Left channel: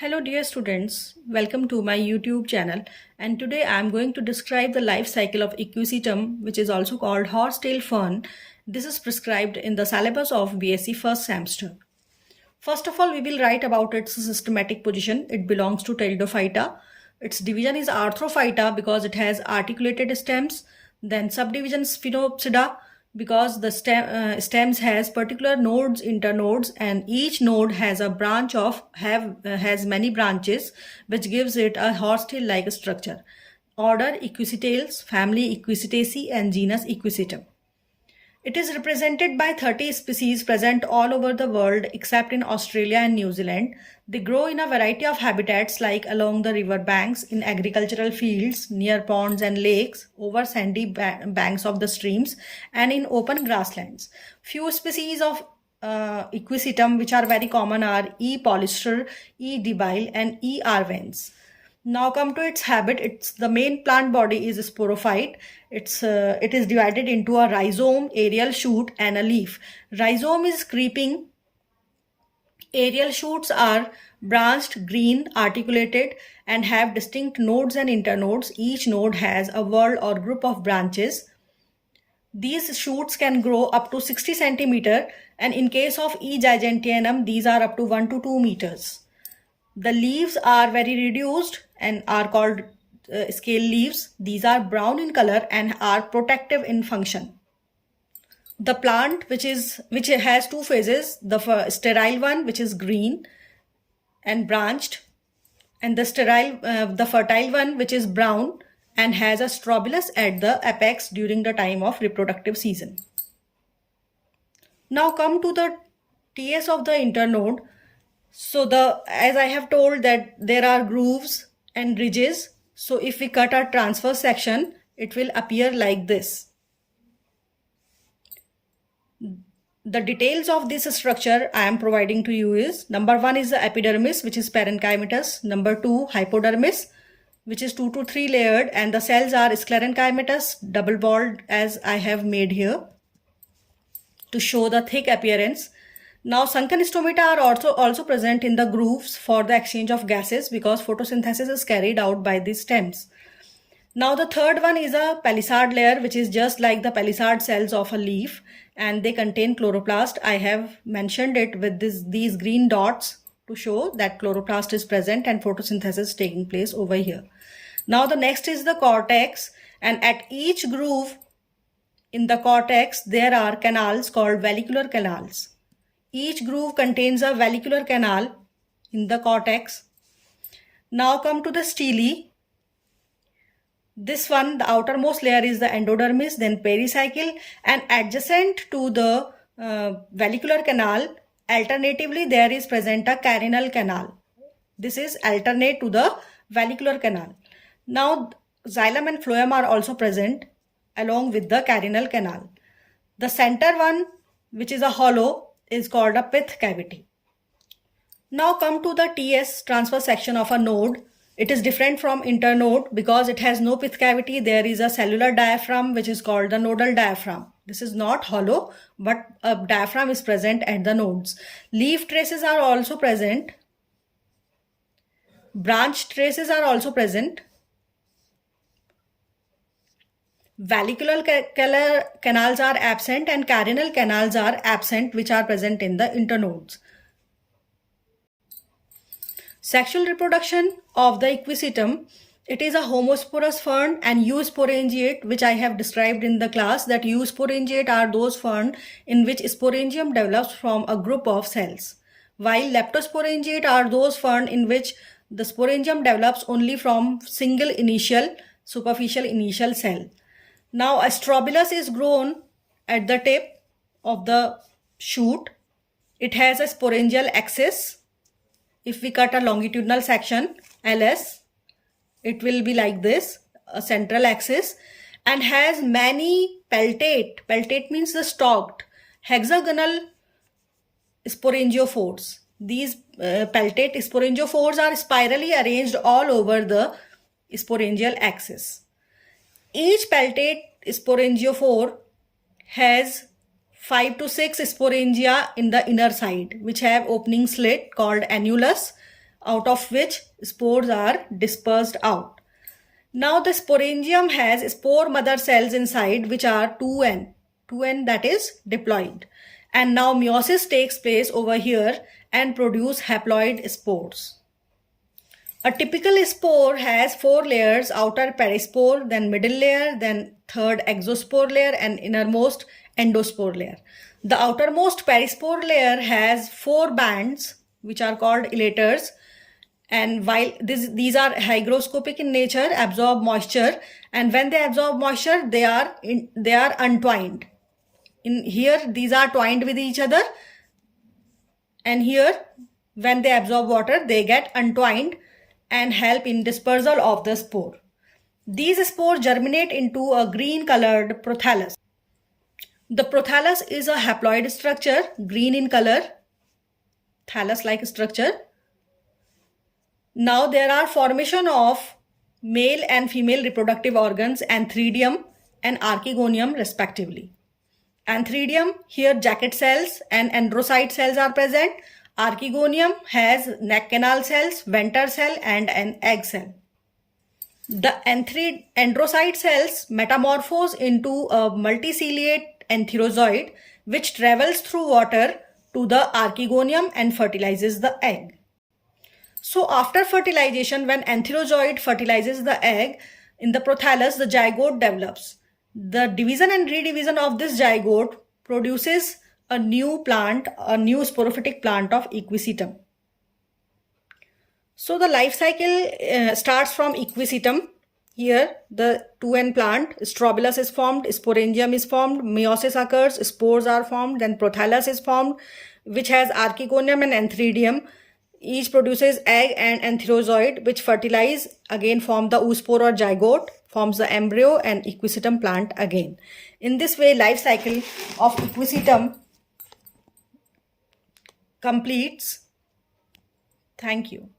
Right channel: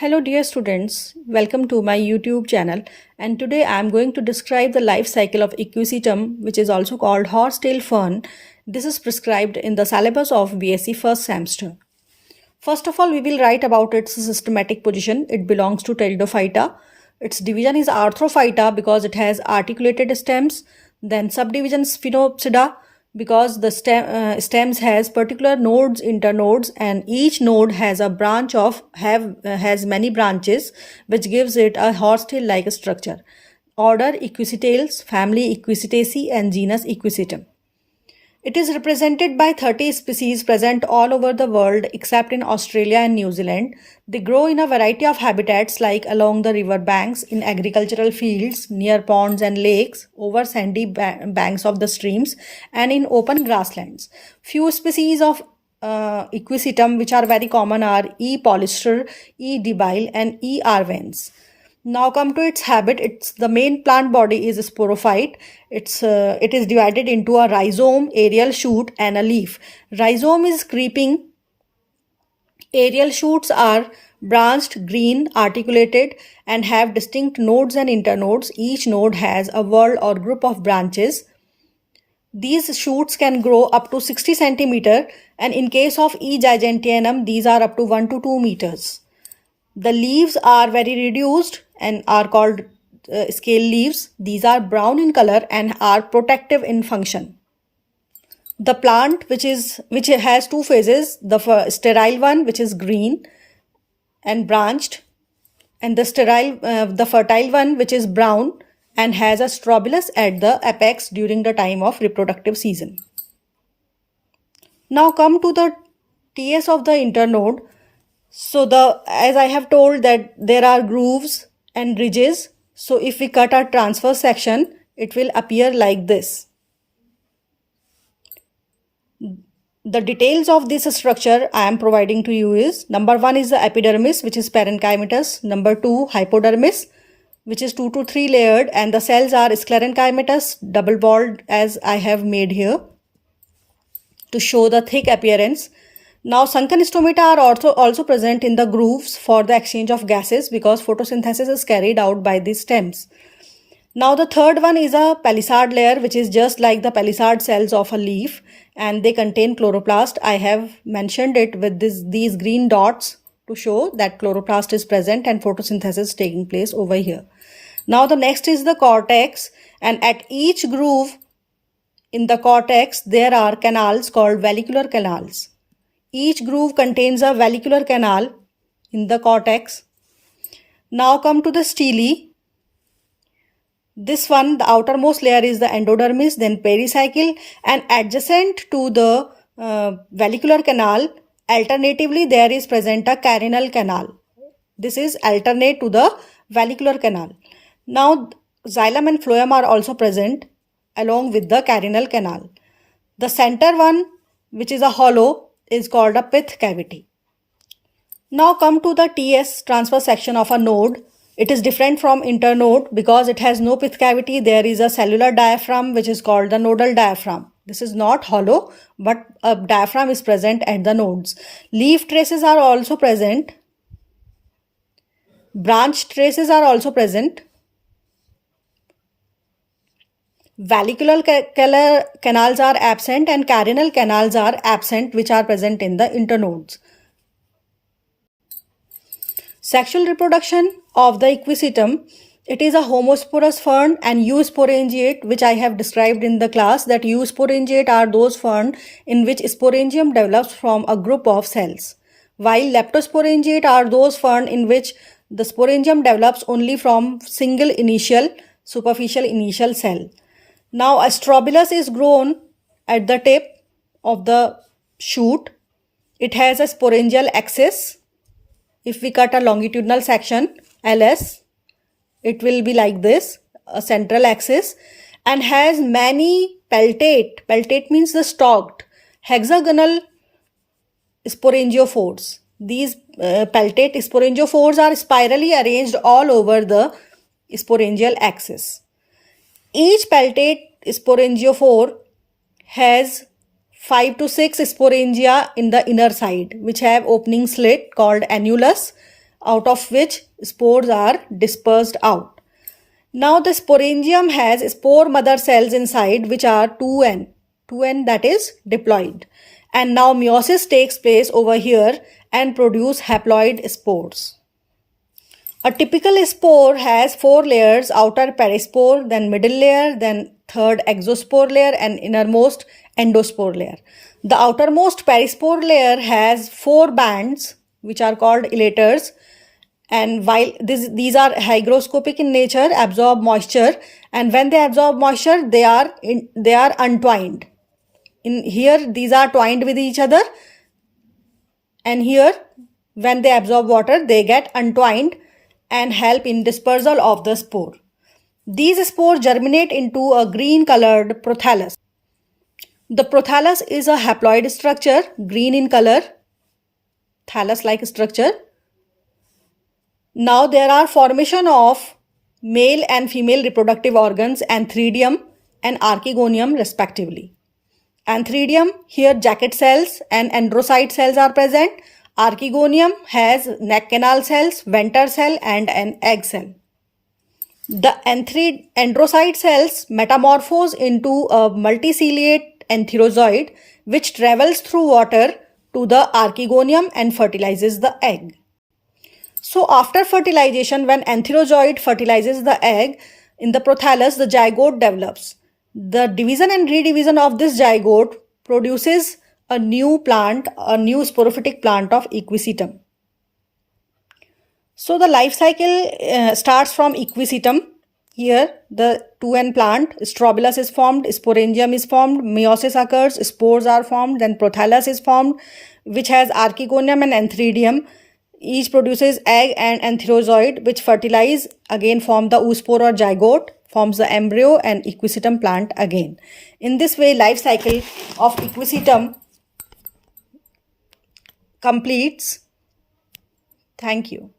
Hello dear students, welcome to my YouTube channel, and today I am going to describe the life cycle of Equisetum, which is also called horsetail fern. This is prescribed in the syllabus of BSc first semester. First of all, we will write about its systematic position. It belongs to Pteridophyta. Its division is Arthrophyta because it has articulated stems. Then subdivision Sphenopsida because the stems has particular nodes, internodes, and each node has a branch has many branches, which gives it a horsetail-like structure. Order Equisetails, family Equisetaceae, and genus Equisetum. It is represented by 30 species present all over the world except in Australia and New Zealand. They grow in a variety of habitats like along the river banks, in agricultural fields, near ponds and lakes, over sandy banks of the streams, and in open grasslands. Few species of Equisetum which are very common are E. polyster, E. debile, and E. arvens. Now come to its habit. The main plant body is sporophyte. It is divided into a rhizome, aerial shoot, and a leaf. Rhizome is creeping. Aerial shoots are branched, green, articulated, and have distinct nodes and internodes. Each node has a whorl or group of branches. These shoots can grow up to 60 centimeter, and in case of E. giganteanum, these are up to 1 to 2 meters. The leaves are very reduced and are called scale leaves. These are brown in color and are protective in function. The plant which has two phases, the sterile one which is green and branched, and the fertile one which is brown and has a strobilus at the apex during the time of reproductive season. Now come to the TS of the internode. So as I have told that there are grooves and ridges. So if we cut a transverse section, it will appear like this. The details of this structure I am providing to you is: number 1 is the epidermis, which is parenchymatous. Number 2, hypodermis, which is 2 to 3 layered, and the cells are sclerenchymatous, double walled, as I have made here to show the thick appearance. Now sunken stomata are also present in the grooves for the exchange of gases because photosynthesis is carried out by these stems. Now the third one is a palisade layer, which is just like the palisade cells of a leaf, and they contain chloroplast. I have mentioned it with these green dots to show that chloroplast is present and photosynthesis is taking place over here. Now the next is the cortex, and at each groove in the cortex there are canals called vallicular canals. Each groove contains a vallicular canal in the cortex. Now come to the stele. This one, the outermost layer is the endodermis, then pericycle, and adjacent to the vallicular canal, alternatively there is present a carinal canal. This is alternate to the vallicular canal. Now xylem and phloem are also present along with the carinal canal. The center one, which is a hollow, is called a pith cavity. Now come to the TS, transverse section of a node. It is different from internode because it has no pith cavity. There is a cellular diaphragm which is called the nodal diaphragm. This is not hollow, but a diaphragm is present at the nodes. Leaf traces are also present. Branch traces are also present. Vallicular canals are absent and carinal canals are absent, which are present in the internodes. Sexual reproduction of the Equisetum. It is a homosporous fern and eusporangiate, which I have described in the class, that eusporangiate are those ferns in which sporangium develops from a group of cells, while leptosporangiate are those ferns in which the sporangium develops only from single superficial initial cell. Now a strobilus is grown at the tip of the shoot. It has a sporangial axis. If we cut a longitudinal section, LS, it will be like this, a central axis, and has many peltate. Peltate means the stalked hexagonal sporangiophores. These peltate sporangiophores are spirally arranged all over the sporangial axis. Each peltate sporangiophore has 5 to 6 sporangia in the inner side, which have opening slit called annulus, out of which spores are dispersed out. Now the sporangium has spore mother cells inside, which are 2n that is diploid. And now meiosis takes place over here and produce haploid spores. A typical spore has 4 layers: outer perispore, then middle layer, then third exospore layer, and innermost endospore layer. The outermost perispore layer has 4 bands, which are called elaters, and while these are hygroscopic in nature, absorb moisture, and when they absorb moisture, they are untwined. In here, these are twined with each other, and here, when they absorb water, they get untwined and help in dispersal of the spore. These spores germinate into a green colored prothallus. The prothallus is a haploid structure, green in color, thallus-like structure. Now there are formation of male and female reproductive organs, antheridium and archegonium respectively. Antheridium, here jacket cells and androcyte cells are present. Archegonium has neck canal cells, venter cell and an egg cell. The androcyte cells metamorphose into a multiciliate antherozoid which travels through water to the archegonium and fertilizes the egg. So after fertilization, when antherozoid fertilizes the egg, in the prothallus the zygote develops. The division and redivision of this zygote produces a new plant, a new sporophytic plant of equisetum. So the life cycle starts from equisetum. Here the 2n plant, strobilus is formed, sporangium is formed, meiosis occurs, spores are formed, then prothallus is formed, which has archegonium and antheridium. Each produces egg and antherozoid, which fertilize, again form the oospore or zygote, forms the embryo and equisetum plant again. In this way, life cycle of equisetum completes. Thank you.